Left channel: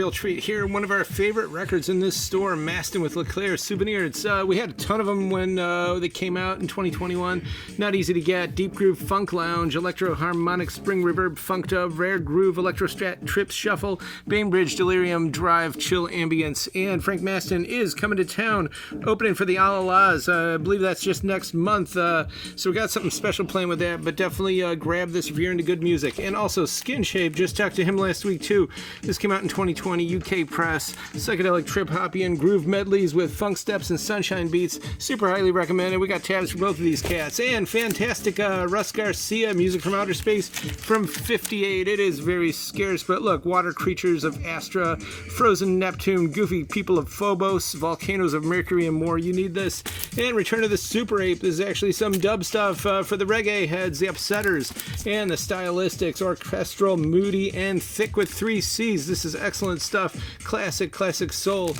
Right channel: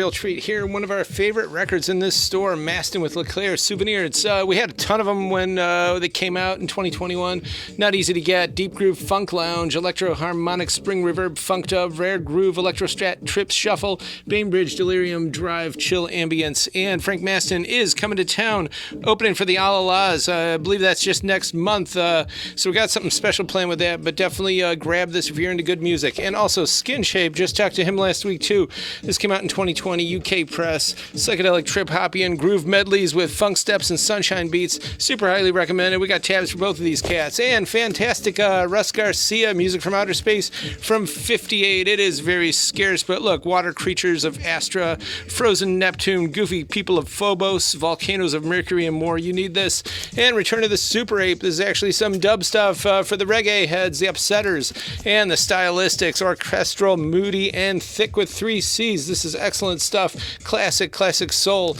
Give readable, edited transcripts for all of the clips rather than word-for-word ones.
Real treat here. One of our favorite records in this store, Maston with LeClaire Souvenir. We had a ton of them when they came out in 2021. Not easy to get. Deep Groove Funk Lounge, Electro Harmonic Spring Reverb Funk Dub, Rare Groove, Electro Strat Trips Shuffle, Bainbridge Delirium Drive Chill Ambience. And Frank Maston is coming to town, opening for the Alalas. I believe that's just next month. So we got something special planned with that, but definitely grab this if you're into good music. And also Skin Shape, just talked to him last week too. This came out in 2020. UK press, psychedelic trip hoppy groove medleys with funk steps and sunshine beats. Super highly recommended. We got tabs for both of these cats. And fantastic Russ Garcia, Music from Outer Space from 58. It is very scarce, but look, water creatures of Astra, frozen Neptune, goofy people of Phobos, volcanoes of Mercury, and more. You need this. And Return of the Super Ape. This is actually some dub stuff for the reggae heads, the upsetters, and the stylistics. Orchestral, moody, and thick with 3 C's. This is excellent stuff. Classic soul.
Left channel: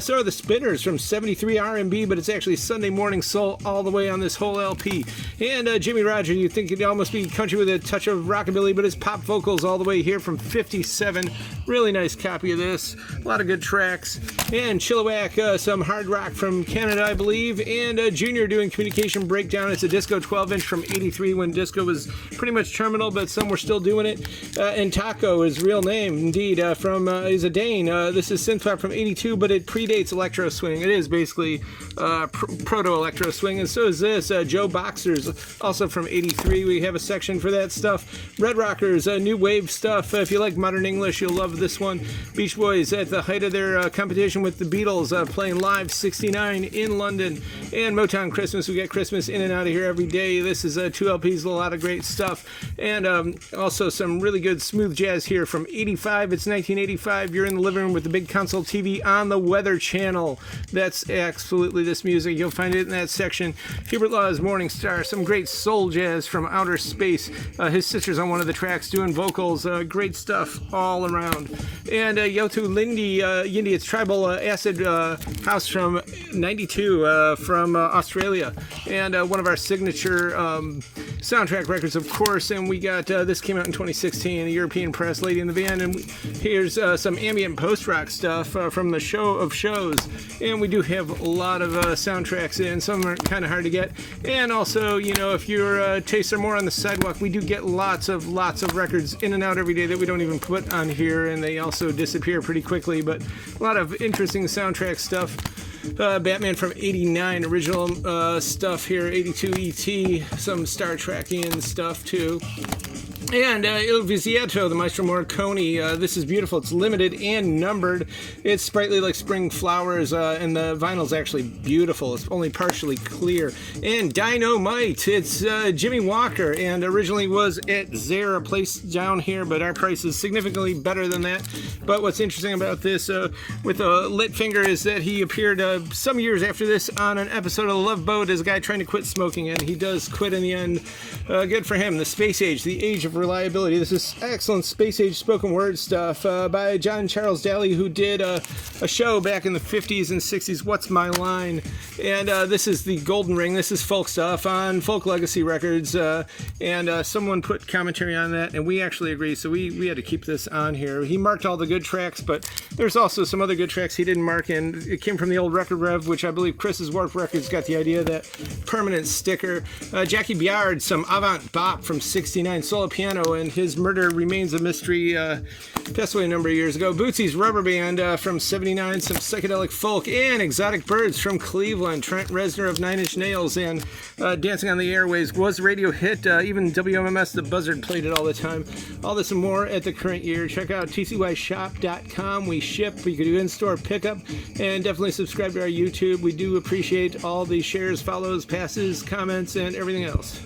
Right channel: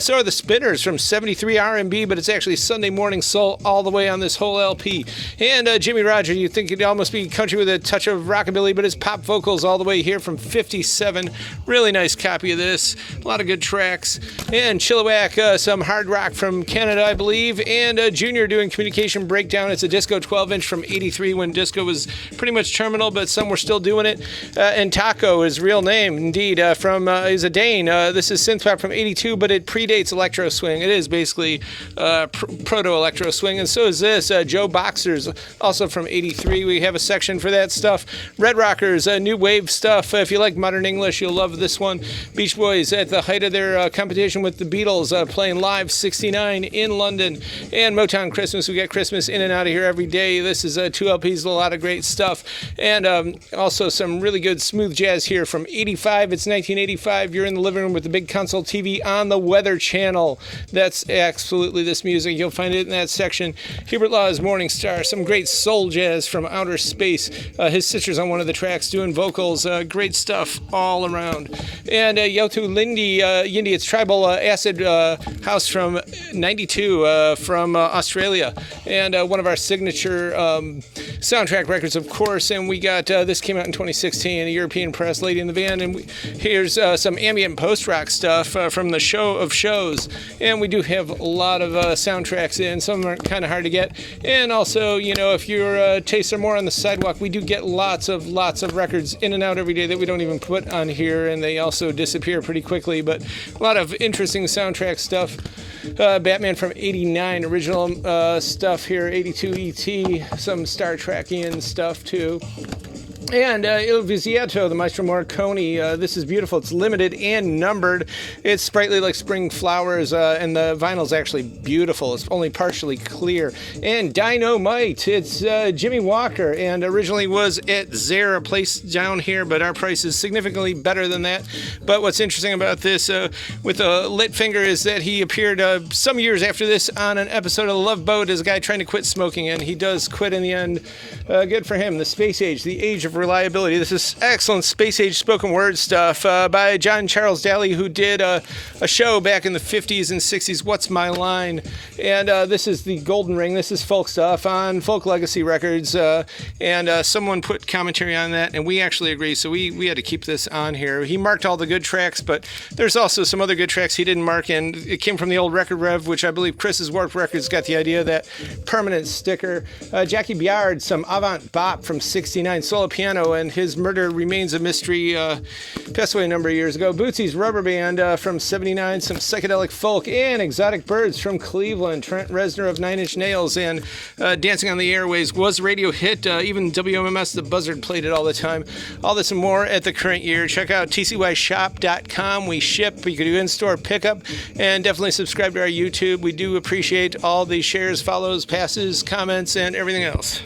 So are the Spinners from 73 R&B, but it's actually Sunday morning soul all the way on this whole LP. And Jimmy Roger, you'd think it'd almost be country with a touch of rockabilly, but it's pop vocals all the way here from 57. Really nice copy of this. A lot of good tracks. And Chilliwack, some hard rock from Canada, I believe. And Junior doing Communication Breakdown. It's a disco 12-inch from 83 when disco was pretty much terminal, but some were still doing it. And Taco, his real name, indeed, is a Dane. This is synthpop from 82, but it predates electro swing. It is basically proto-electro swing, and so is this. Joe Boxers, also from 83. We have a section for that stuff. Red Rockers, new wave stuff. If you like modern English, you'll love this one. Beach Boys at the height of their competition with the Beatles, playing live 69 in London. And Motown Christmas. We got Christmas in and out of here every day. This is 2 LPs, a lot of great stuff. And also some really good smooth jazz here from 85. It's 1985. You're in the living room with the big console TV on the Weather Channel. That's absolutely this music. You'll find it in that section. Hubert Law's Morning Star, some great soul jazz from outer space. His sister's on one of the tracks doing vocals. Great stuff all around. And Yotu Yindi, it's tribal acid house from 92 from Australia. And one of our signature soundtrack records, of course. And we got, this came out in 2016, a European press, Lady in the Van. And here's some ambient post-rock stuff from the Show of Shows. And we do have a lot of soundtracks in. Some are kind of hard to get. And also, you know, if your tastes are more on the sidewalk, we do get lots of records in and out every day that we don't even put on here, and they also disappear pretty quickly. But a lot of interesting soundtrack stuff. Batman from 89, original stuff here, 82 E.T., some Star Trekian stuff too. And Il Vizietto, the Maestro Morricone. This is beautiful. It's limited and numbered. It's sprightly like spring flowers, and the vinyl's actually beautiful. It's only partially clear. And Dynamite. It's Jimmy Walker, and originally was at Zara, place down here, but our price is significantly better than that. But what's interesting about this with a lit finger is that he appeared some years after this on an episode of The Love Boat as a guy trying to quit smoking, and he does quit in the end. Good for him. The Space Age, the Age of Reliability. This is excellent space age spoken word stuff by John Charles Daly, who did a show back in the 50s and 60s, What's My Line? And this is the Golden Ring. This is folk stuff on Folk Legacy Records, and someone put commentary on that, and we actually agree, so we had to keep this on here. He marked all the good tracks, but there's also some other good tracks he didn't mark, and it came from the old Record Rev, which I believe Chris's Warped Records got the idea of that permanent sticker. Jackie Biard, some avant bop from 69, solo piano, and his murder remains a mystery. Passed away a number of years ago. Bootsy's Rubber Band from 79, some psychedelic folk, and Exotic Birds from Cleveland. Trent Reznor of Nine Inch Nails, and Dancing on the Airways was a radio hit. Even WMMS, the Buzzard, played it all the time. All this and more at the current year. Check out tcyshop.com. We ship. You can do in-store pickup, and definitely subscribe to our YouTube. We do appreciate all the shares, follows, passes, comments, and everything else.